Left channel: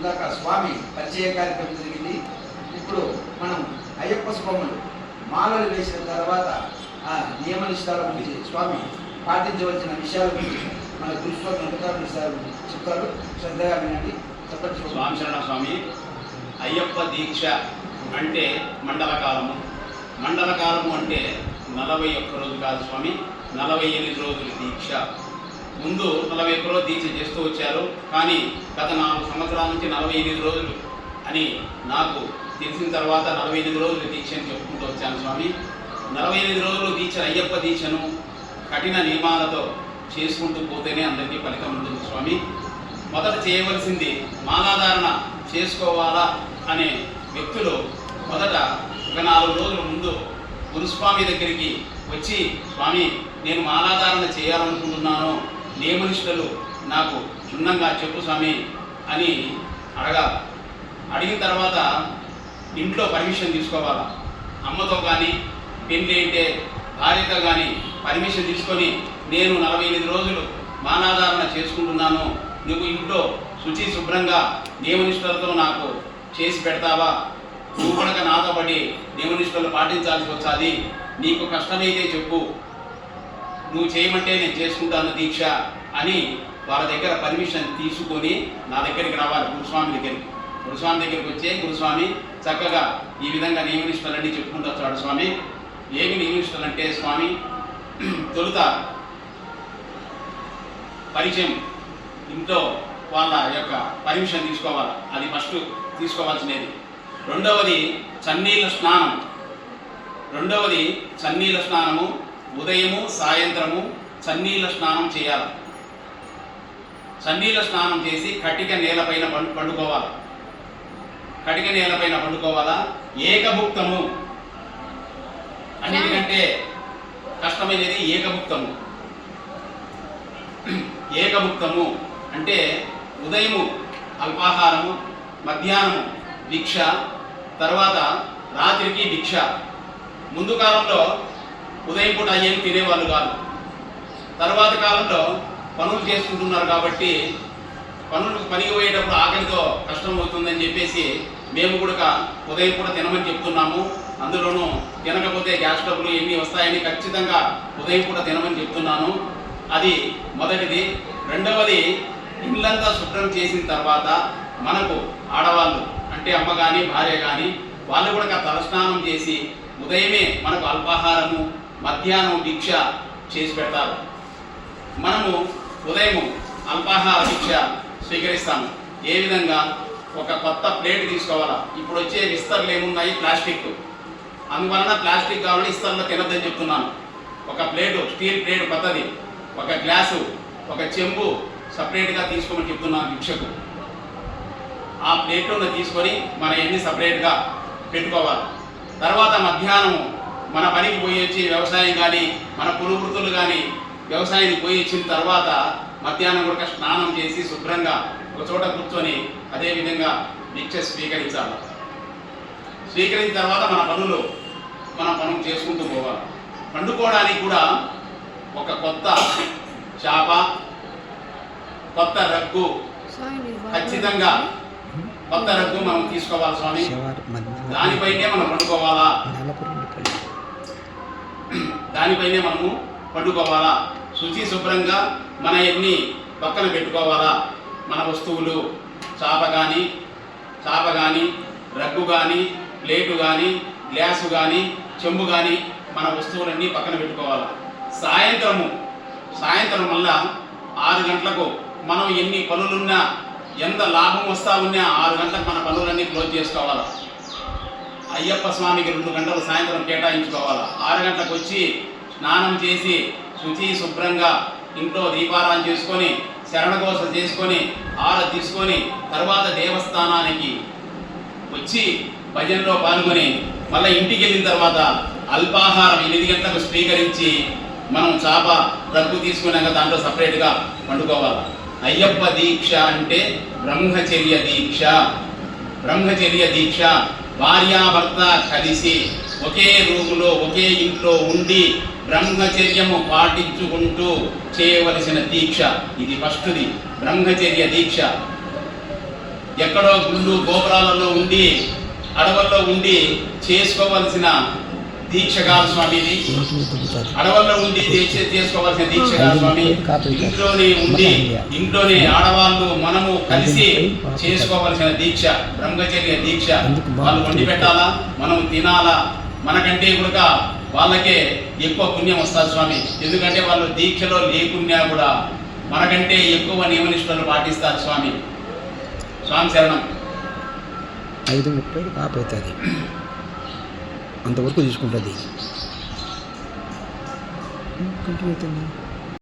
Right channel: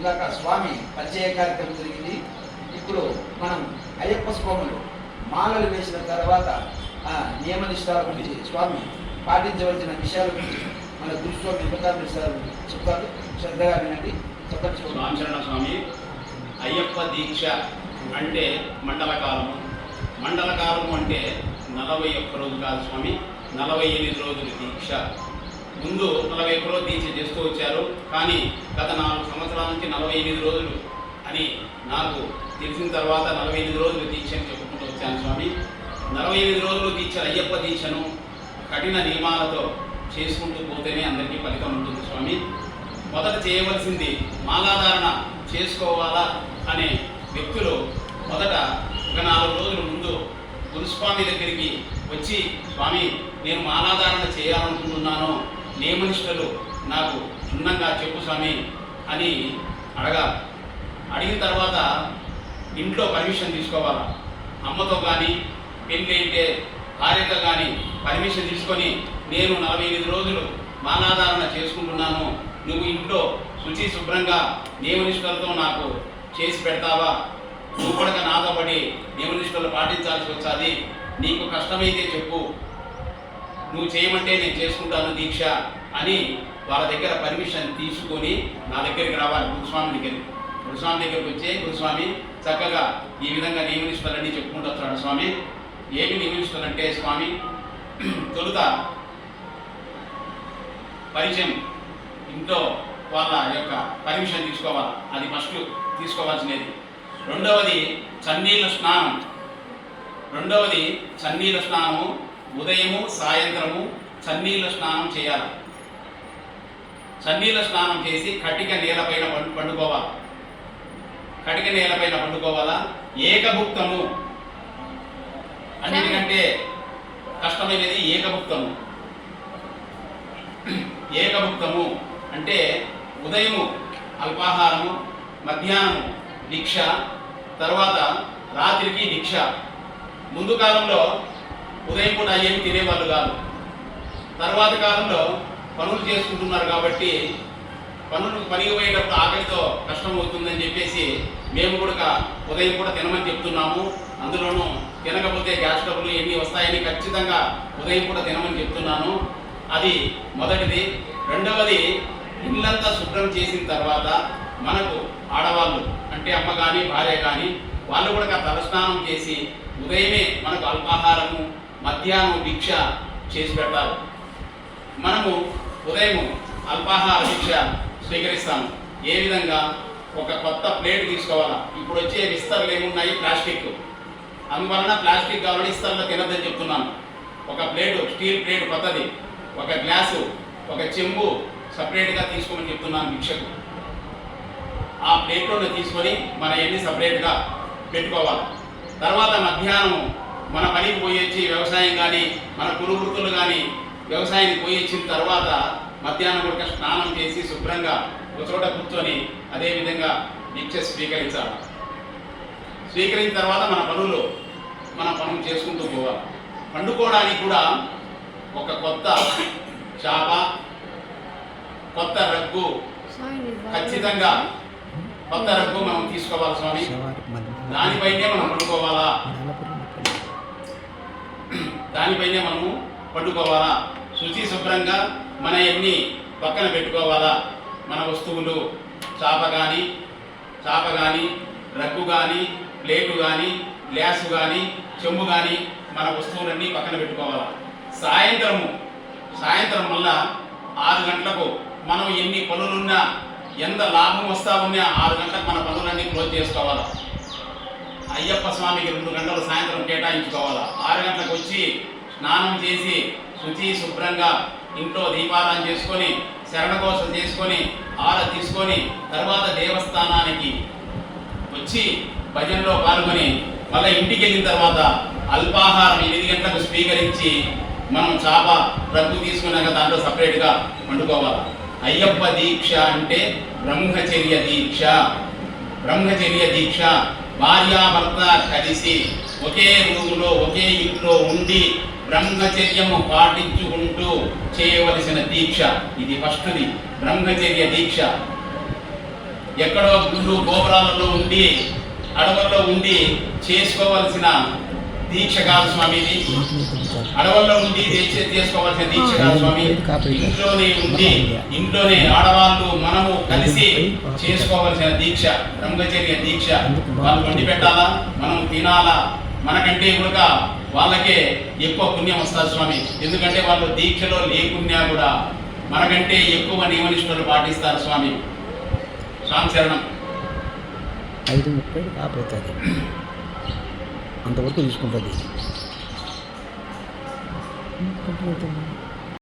ఇందాక స్వామి పరిచయ కార్యక్రమం జరిగింది. ఇప్పుడు మనం అయ్యప్ప స్వాములు మాలలు వేసిన తర్వాత ఆ నియమ నిష్టాల గురించి స్వామి పాటించవలసిన విషయాల గురించి మన గురుస్వామి ఎంతకాలం విషయాలు చెప్తారు. శ్రద్ధగా వినండి. చెప్పండి స్వామి. స్వామి శరణ స్వామి అయ్యప్ప దీక్ష అంటే మండల కాలము. మండల అంటే నలభై ఒక్క రోజు కాదు స్వామి నలభై ఎనిమిది రోజుల దీక్ష. ముందు నలభై ఒక్క రోజు దీక్ష చేస్తూ వచ్చారు. కానీ గత నాలుగు సంవత్సరాల నుంచి నలభై ఎనిమిది రోజులు అని నాకు తెలిసిన తర్వాత నలభై ఎనిమిది రోజులు దీక్ష అని చెప్పుకుంటూ వచ్చాను స్వామి. నలభై ఎనిమిది రోజులు దీక్ష అయ్యప్ప దీక్షను కఠిన నియమాలతో చేసుకుంటూ పోతేనే అందరికీ ఫలితం ఉంటుంది స్వామి. మొదట చేయవలసింది మాలాధారణ చేసుకోవాలా అనే వ్యక్తులు మొదట ఒక నాలుగు రోజుల ముందు గురుస్వామి దగ్గరికి వచ్చి స్వామి నేను మాలాధారణ చేయాలనుకుంటున్నాను. నియమనిష్టలు నాకు క్షుణ్ణంగా చెప్పు స్వామి అని అడగాలి. అడిగిన తర్వాత ఇంట్లో పర్మిషన్ తీసుకోవాలా? అమ్మతో కానీ పెళ్ళి అంటే భార్యతో కానీ పర్మిషన్ తీసుకొని నేను నలభై ఎనిమిది రోజులు మానాధారణ చేసుకుంటున్నాను. నువ్వు ఇంట్లో శుచి శుభ్రంగా నియమనిష్టలతో నాకు చేసి పెడతావా? నువ్వు కూడా నాతో పడి నియమనిష్టలు పాటించాల్సి వచ్చాది నీకు కష్టమైతే చెప్పు. నువ్వు చేయమంటే నేను చేసుకుంటాను దీక్ష అని వాళ్ళ దగ్గర పర్మిషన్ తీసుకొని నా దగ్గరికి రావాలి గురుస్వామి దగ్గరికి. గురుస్వామి దగ్గరికి వచ్చే గురుస్వామి చక్కగా ఈ విధంగా నియమనిష్టలన్నీ చెప్పుకుంటూ వచ్చాడు స్వామి. ఏమి నియమనిష్టలు అంటే స్వామి తొలుత పరిచయం ఇంట్లో వాళ్ళ యొక్క పర్మిషన్ తీసుకోవాలి. అది ఫస్ట్ తీసుకోవాల్సినది. రెండవది చన్నీళ్ళ స్నానం. రెండవది చన్నీళ్ళ స్నానము. ఉదయము సాయంత్రము చన్నీళ్ళ స్నానం చేయాలి. చన్నీళ్ళ స్నానం చేసి కటిక నేలపైన పండు పండుకోవాలి. కటిక నేలపైన పండుకోవాలా? ఏకభుక్తము. అన్నిటికంటే కష్టమైనది ఏకభుక్తము. ఏకభుక్తము అంటే ఉదయము అల్పాహారము మధ్యాహ్నము దీక్ష తర్వాత రాత్రికి దీక్ష. ముందు కాలంలో ఉదయం పూట అయ్యేది తినేవాళ్ళు కాదు. తర్వాత కాలంలో పనులు చేసుకుంటున్నారు కాబట్టి పనులకు పనికి పోయేటప్పుడు ఆకలితో కష్టం అవుతుందని చెప్పేసి మేము కూడా ఉదయం పూట తినమని చెప్తున్నాము. అందులోనూ తినకపోతే గ్యాస్ ట్రబులు ఎన్ని వస్తాయని ఖచ్చితంగా ఉదయం పూట తినమని చెప్తున్నాను. అది మొదటిది. రెండవది ఇళ్ళంతా శుభ్రం చేసిన తర్వాత మనకు ఆడవాళ్ళు అంటే అమ్మ కానీ భార్య కానీ వాళ్ళు కూడా తలస్నానం చేసి ఉదయమే మనకు అల్పాహారము మధ్యాహ్నం భిక్ష చేసి పెడతారు. మనము ఉదయము అల్పాహార భిక్ష స్వీకరిస్తాము. ఏ విధంగా? ఒక కొత్త ప్లేట్ తీసుకోవాలా? ఇప్పుడు వచ్చే విస్తరలు ఏమున్నాయి? ప్లాస్టిక్. అందువలన ప్లాస్టిక్ కావాలని ఇస్తర్లో తినద్దని చెప్తున్నాను. ఒక ప్లేటు స్టీల్ ప్లేట్ కొత్తది. ఒక గ్లాసు ఒక చెంబు సపరేట్గా తీసుకోమని చెప్తున్నాను భిక్షకు ఆ ప్లేట్లోనే తీసుకొని మన ఎన్ని సపరేట్గా పెట్టుకోవాలి. తర్వాత మధ్యాహ్నం మన పనికి పోయి వచ్చి వ్యవసాయం కానీ మన కులు వృత్తులు కానీ వ్యవసాయానికి పోయి వచ్చిన తర్వాత మధ్యాహ్నం కూడా స్నానం చేసి శుభ్రంగా ఒక చోట కూర్చొని అదే విధంగా దీక్ష స్వీకరించాలి. స్వీకరించిన తర్వాత మన పనులు మన పనులు చేసుకుంటూ పోవాలి. పండుకోవడానికి కూడా ఒక కొత్త చాప కొత్త రగ్గు ఖచ్చితంగా కొత్త రగ్గు మనం తీసుకోవాలి స్వామి దానిపైనే మనం పండుకోవాలా? దానిపైనే మనము పండుకోవాలా? శుచి శుభ్రంగా మన ఎన్ని పక్కన పెట్టుకోవాలా? మన వస్తువులు చాప కానీ చాప కానీ రగ్గు కానీ ప్లేటు కానీ గ్లాసు కానీ చెంబు కానీ మన వస్తువులన్నీ పక్కన పెట్టుకోవాలా? సాయంత్రము సాయంత్రం మళ్ళా ఆరు గంటలకు మనం ఎన్ని పనులున్నా ఎంత లాభం వస్తా ఉన్నా ఆరు గంటలకు మన పనులన్నీ క్లోజ్ చేసుకోవాలా? అయ్యప్ప స్వామికి రెండు గంటలు సాయంత్రం కేటాయించుకోవాలా? ఆరు గంటలకు వచ్చి స్నానం చేసి శుచి శుభ్రంగా ఇంట్లో దీపారాధన చేసుకొని శరణకోసం చేసుకొని ఆర తీసుకొని తర్వాత దేవస్థానానికి వచ్చి భజనలో పాల్గొని మళ్ళీ ఇంటికి వెళ్ళిన తర్వాత అల్పాహారం ఎనిమిది గంటలకు స్వీకరించి మనం చాప రగ్గు తీసుకున్నాక దాంట్లో సపరేట్గా వండుకోవాలి? అయ్యప్ప దీక్ష అంటే బ్రహ్మచర్య దీక్ష. బ్రహ్మచర్య దీక్ష. భార్యాభర్త కలిసి ఒకే రూములో ఒకే ఇంట్లో ఉండి బ్రహ్మచర్యము పాటించుకుంటూ చేయవలసిన దీక్ష. ఇది ఫస్ట్ది. బ్రహ్మచర్య దీక్ష. ఎక్కడో గుళ్ళు గోపురాలలో ఉండి అడవుల్లో ఉండి చేసుకోవలసిన దీక్ష కాదు స్వామి ఇది అడవుల్లో ఉండి దీక్ష చేసుకోవాల్సిన దీక్ష కాదు స్వామి. ఇంట్లోనే ఉండి ఇంట్లోనే ఆడవాళ్ళు మనము కలిసి చేసుకోవాల్సిన దీక్ష బ్రహ్మచర్య దీక్ష వాళ్ళు వండి పెట్టాలా? మనం తినాలా? మనకంటే కూడా వాళ్ళకే ఎక్కువ పుణ్యం వస్తారు స్వామి. ఎందుకంటే వాళ్ళు దీక్షలో లేకున్నా కూడా మనకంటే ఎక్కువ నియమనిష్టలు పాటిస్తారు స్వామి. స్వామి శరణం. ఐదు ముప్పై ఆపవుతుంది అంతవరకు తీసుకుంటుంది. కంటిన్యూ అవుతుందా